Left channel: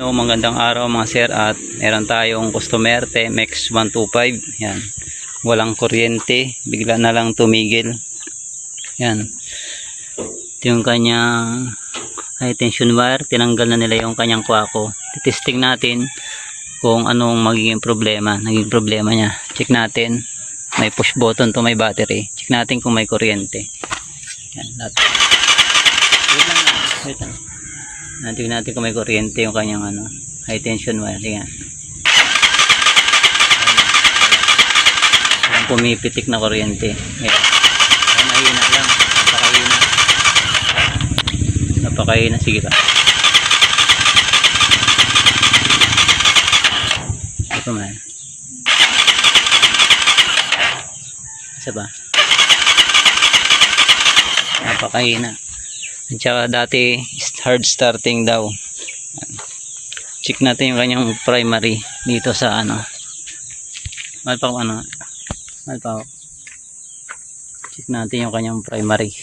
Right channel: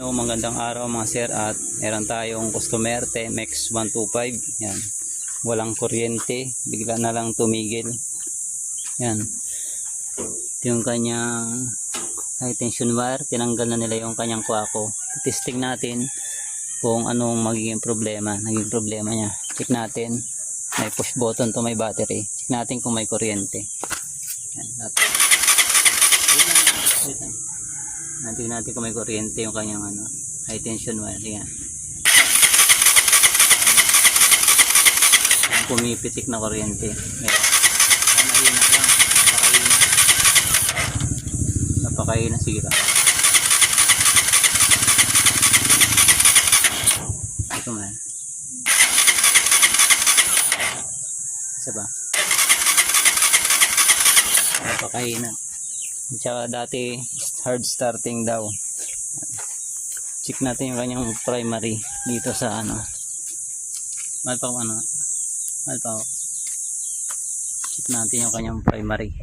No, magandang araw mga sir, at meron tayong customer TMX 125. Yan. Walang kuryente, bigla na lang tumigil. Yan. Ito yung kanyang high tension wire. Tinanggal na nila yung kanyang kwako. Testing natin kung anong magiging problema. Naging problema niya. Check natin. May push button to, may battery. Check natin kung may kuryente. Yan. Wait lang. Tingnan natin kung may kuryente yung kanyang high tension wire. Tingnan. Parang pumipitik na kuryente. Ayan. Mahina lang. Napakahina. Sige pa. Ito man. Isa ba? Napakahina. At saka dati hard starting daw. Check natin yung kanyang primary dito sa check natin yung kanyang primary.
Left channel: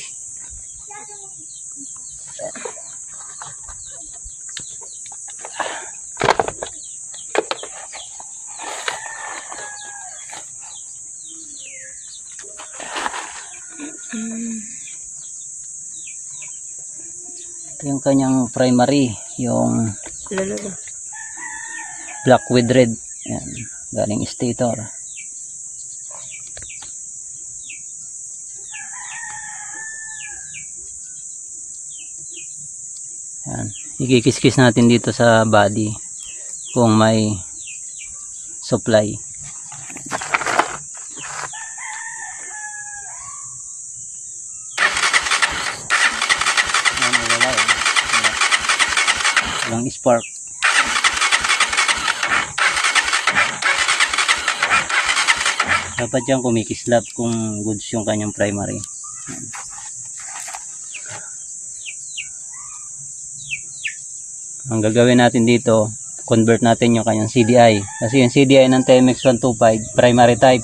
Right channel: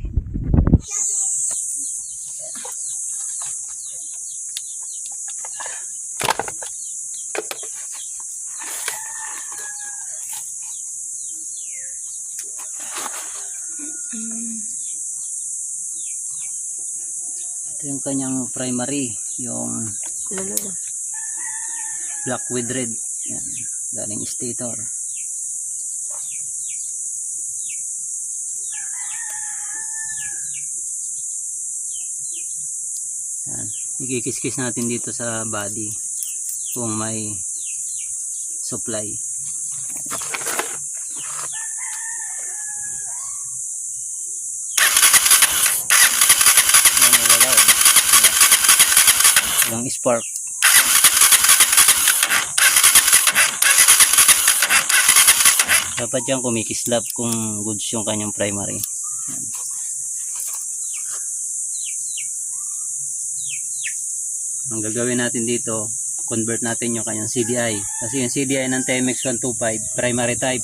Ito yung kanyang primary, yung black with red. Yan, galing stator. Yan, ikikis-kis natin dito sa body kung may supply. Walang spark. Dapat dyan kumikislap kung goods yung kanyang primary. Yan. Ang gagawin natin dito, convert natin yung kanyang CDI. Kasi yung CDI ng TMX 125 primary type,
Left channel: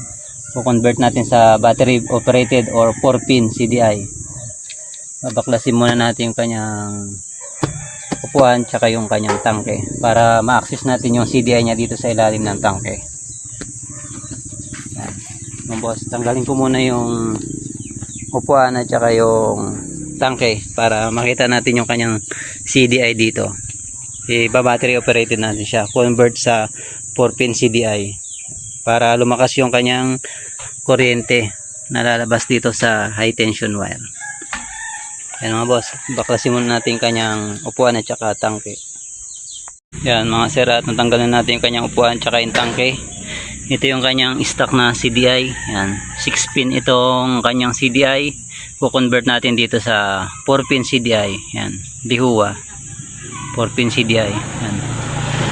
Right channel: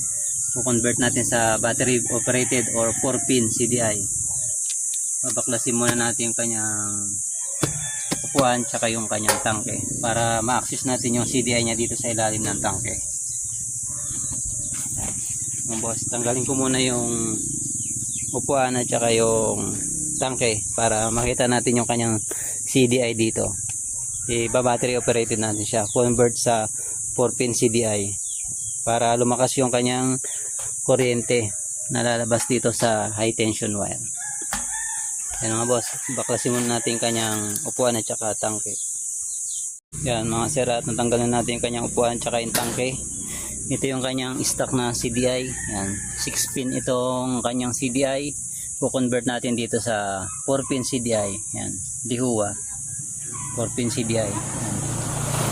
convert natin sa battery operated or 4-pin CDI. Babaklasin muna natin yung kanyang upuan tsaka yung kanyang tangke para ma-access natin yung CDI niya dito sa ilalim ng tangke. Yan. Boss, tanggalin ko muna yung upuan at tsaka yung tangke para makita natin yung kanyang CDI dito. Battery operated natin siya, convert sa 4-pin CDI para lumakas yung kanyang kuryente na lalabas dito sa high tension wire. Yan mga boss, baklasin muna natin kanyang upuan at saka tangke. Yan mga sir, at natanggalan natin yung kanyang upuan at saka yung tangke. Ito yung kanyang stock na CDI. Yan, 6-pin itong kanyang CDI. Kukonvert natin dito sa 4-pin CDI. Yan, Dihua 4-pin CDI. Yan,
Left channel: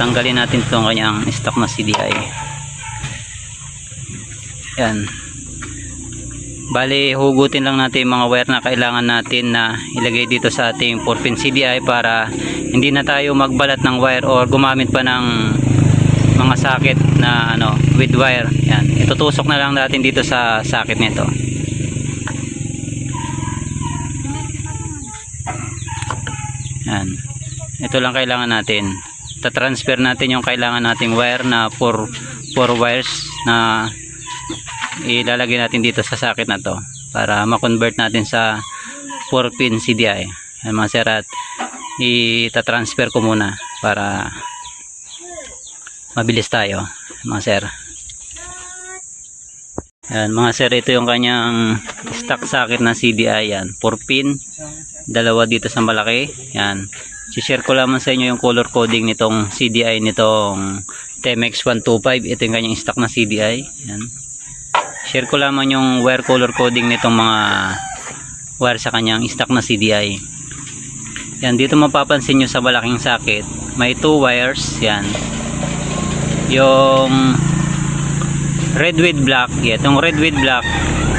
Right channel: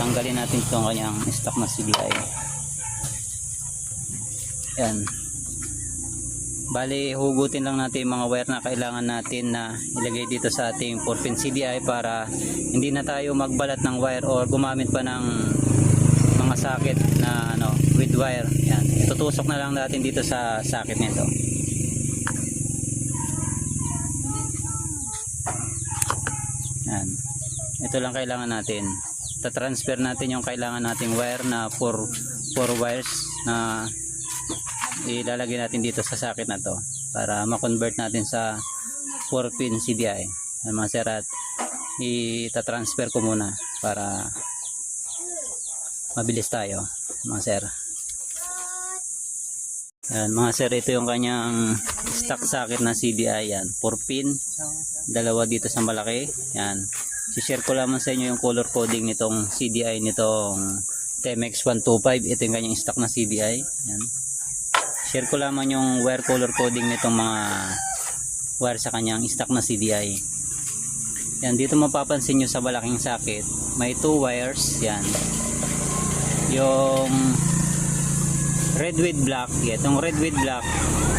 tanggalin natin itong kanyang stock na CDI. Yan, bali hugutin lang natin yung mga wire na kailangan natin na ilagay dito sa ating 4-pin CDI para hindi na tayo magbalat ng wire or gumamit pa ng mga socket na with wire. Yan, itutusok na lang natin dito sa socket nito. Yan, ito lang kailangan natin. Ta-transfer natin yung kailangan nating wire na 4 wires na ilalagay natin dito sa socket na to para ma-convert natin sa 4-pin CDI. Mga sir, at ita-transfer ko muna para mabilis tayo mga sir. Yan mga sir, ito yung kanyang stock socket na CDI. Yan, 4-pin, dalawa dito sa malaki. Yan, share ko lamang sa inyo yung color coding nitong CDI nitong TMX 125. Ito yung kanyang stock na CDI. Yan, share ko lamang yung wire color coding nitong mga wire sa kanyang stock na CDI. Yan, dito mapapansin nyo sa malaking socket may 2 wires. Yan, yung red with black. Itong red with black,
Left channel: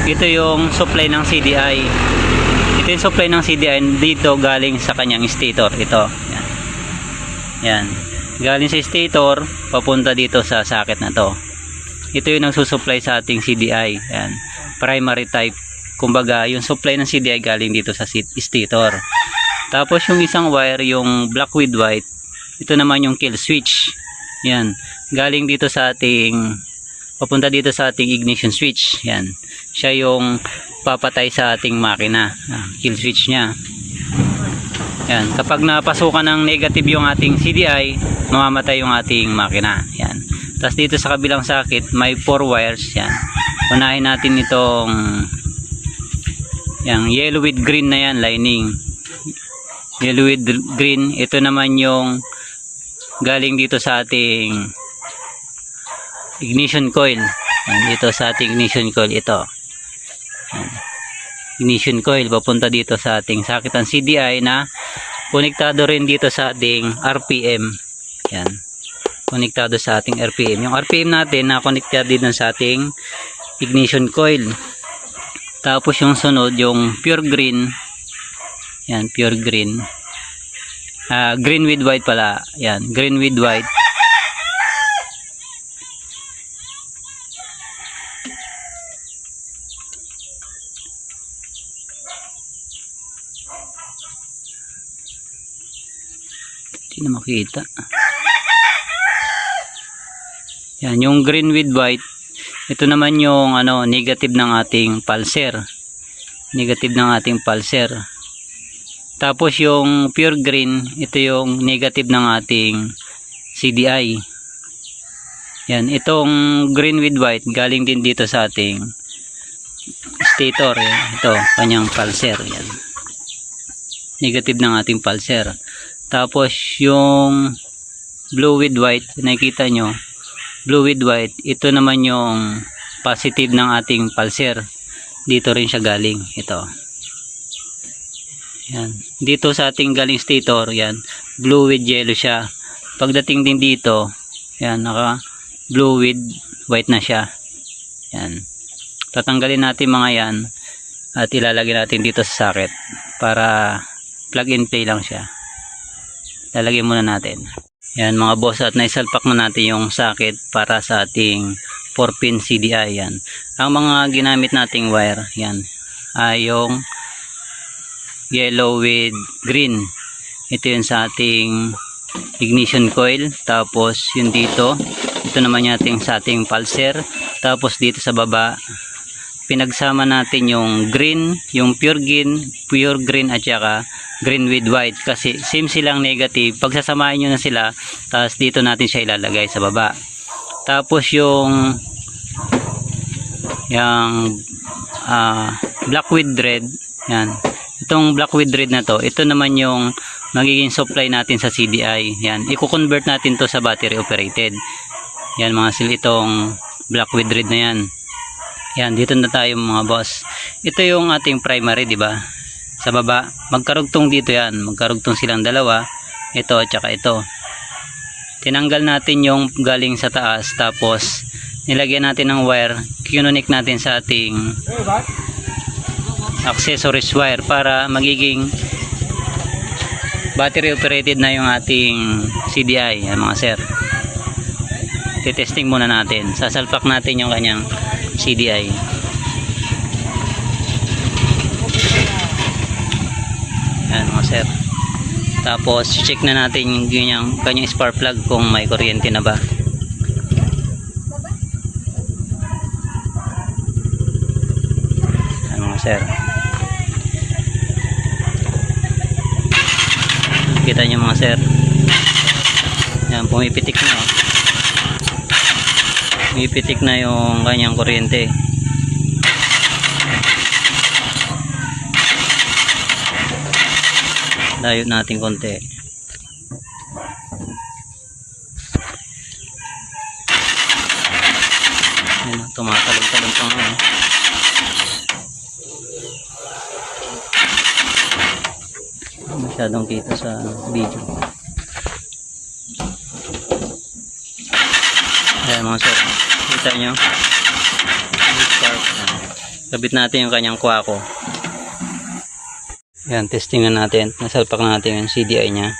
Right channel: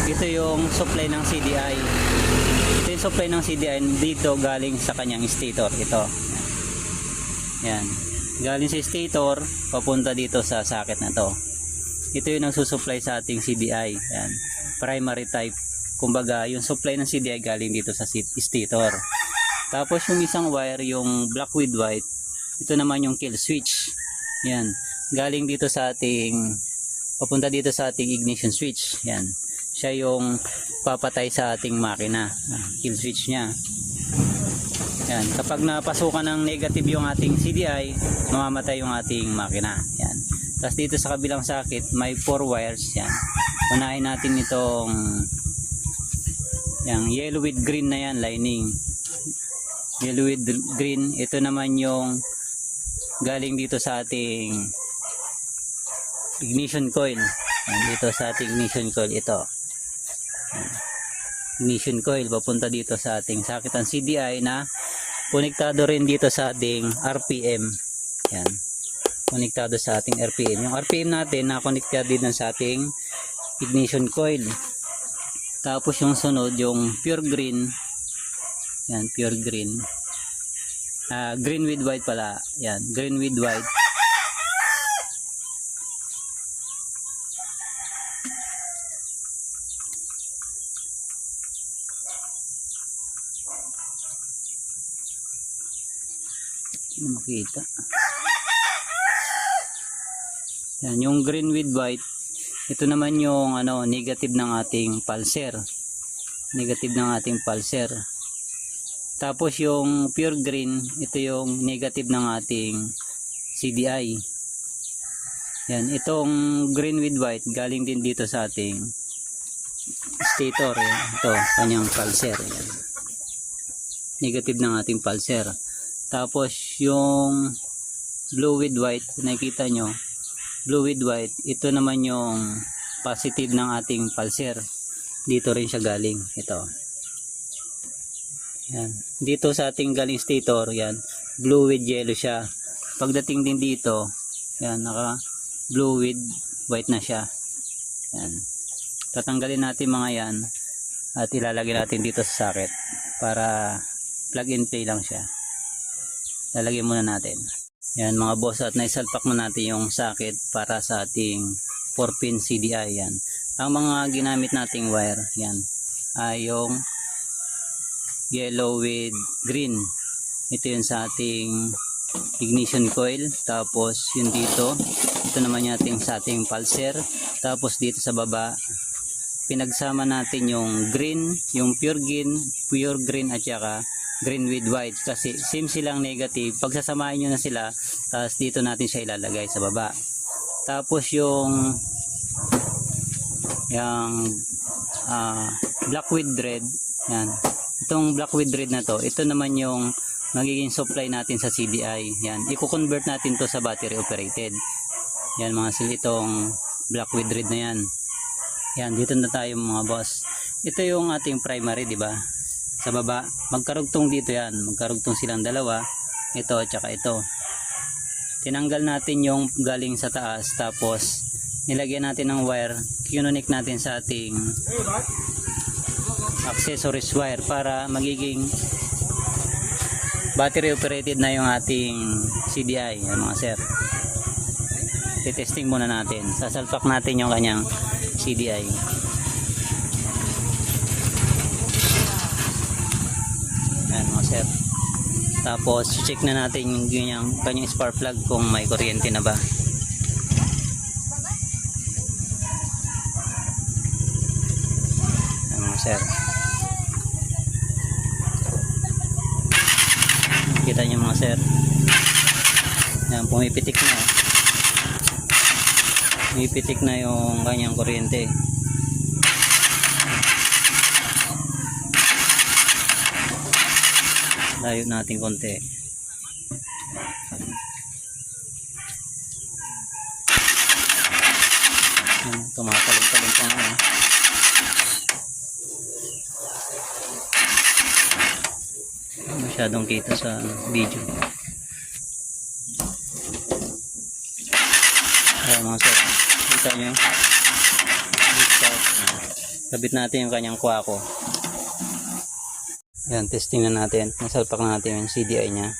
ito yung supply ng CDI. Ito yung supply ng CDI dito galing sa kanyang stator. Ito, yan, yan, galing sa stator papunta dito sa socket na to. Ito yung nagsusupply sa ating CDI. Yan, primary type. Kumbaga, yung supply ng CDI galing dito sa stator. Tapos yung isang wire, yung black with white, ito naman yung kill switch. Yan, galing dito sa ating, papunta dito sa ating ignition switch. Yan, siya yung papatay sa ating makina, kill switch nya. Yan, kapag napasukan ng negative yung ating CDI, mamamatay yung ating makina. Yan, tapos dito sa kabilang socket may 4 wires. Yan, unahin natin itong yung yellow with green na yan, lining. Yellow with green, ito naman yung galing dito sa ating ignition coil. Yan, dito sa ating ignition coil ito. Yan, ignition coil papunta dito sa ating sakitan CDI na konektado rin dito sa ating RPM. Yan, konektado sa ating RPM. Yung RPM natin na konektado din sa ating ignition coil. Tapos yung sunod, yung pure green. Yan, pure green. Green with white pala. Yan, green with white. Hindi na makita. Yan, yung green with white. Ito naman yung negative ng ating pulser. Negative ng ating pulser. Tapos yung pure green, ito yung negative ng ating CDI. Yan, itong green with white galing din dito sa ating stator. Yan, ito, kanyang pulser. Yan. Negative ng ating pulser. Tapos yung blue with white, nakikita nyo, blue with white, ito naman yung positive ng ating pulser. Dito rin siya galing, ito. Yan. Dito sa ating galing stator, yan, blue with yellow siya. Pagdating din dito, yan, naka blue with white na siya. Yan. Tatanggalin natin mga yan at ilalagay natin dito sa socket para plug and play lang siya. Lalagyan muna natin. Yan mga boss, at naisalpak na natin yung socket para sa ating 4-pin CDI. Yan. Ang mga ginamit nating wire, yan, ay yung yellow with green. Ito yun sa ating ignition coil. Tapos yun dito, ito naman yung sa ating pulser. Tapos dito sa baba, pinagsama natin yung green, yung pure green at saka green with white, kasi same silang negative. Pagsasamahin nyo na sila, tapos dito natin siya ilalagay sa baba. Tapos yung black with red, yan, itong black with red na to, ito naman yung magiging supply natin sa CDI. Yan, i-convert natin to sa battery operated. Yan mga itong black with red na yan. Yan, dito na tayo mga boss. Ito yung ating primary, di ba? Sa baba, magkarugtong dito yan. Magkarugtong silang dalawa. Ito at saka ito. Tinanggal natin yung galing sa taas. Tapos, nilagyan natin ng wire. Kinunik natin sa ating accessories wire para magiging battery operated na yung ating CDI. Yan mga sir. Titesting muna natin. Sasalpak natin yung kanyang CDI. Yan mga sir. Tapos check na natin yung kanyang spark plug kung may kuryente na ba. Yan mga sir. Kita nyo mga sir. Yan, pumipitik na. Pumipitik na yung kanyang kuryente. Layo natin konti. Yan, tumatalong-talong pa nga. Masyadong kita sa video. Ayan mga sir, kita nyo, kabit natin yung kanyang kwako. Ayan, testingan natin, nasalpak na natin yung CDI nya.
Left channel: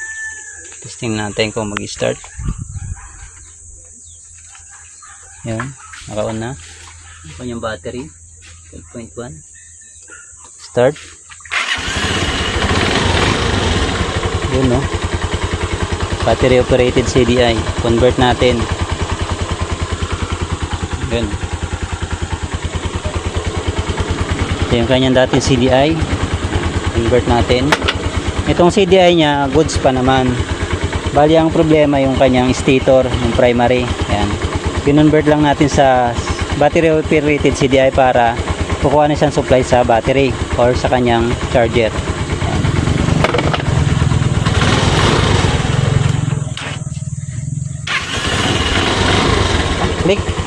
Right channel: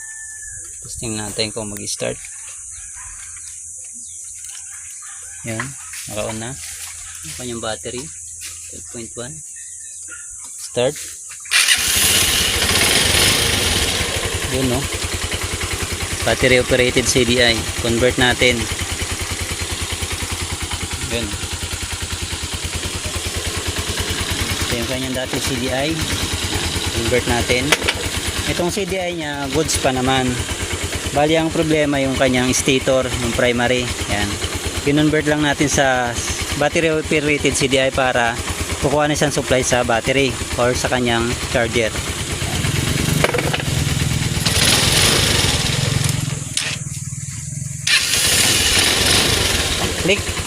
Testing natin kung mag-start. Ayan, naka-on na yung kanyang battery 12.1. Start. Yun, no? battery operated CDI. Convert natin. Yun. Ito yung kanyang dating CDI. Convert natin. Itong CDI niya, goods pa naman. Bali ang problema yung kanyang stator, yung primary. Yan. Kinonvert lang natin sa battery operated CDI para kukuha na siyang supply sa battery or sa kanyang charger. Click.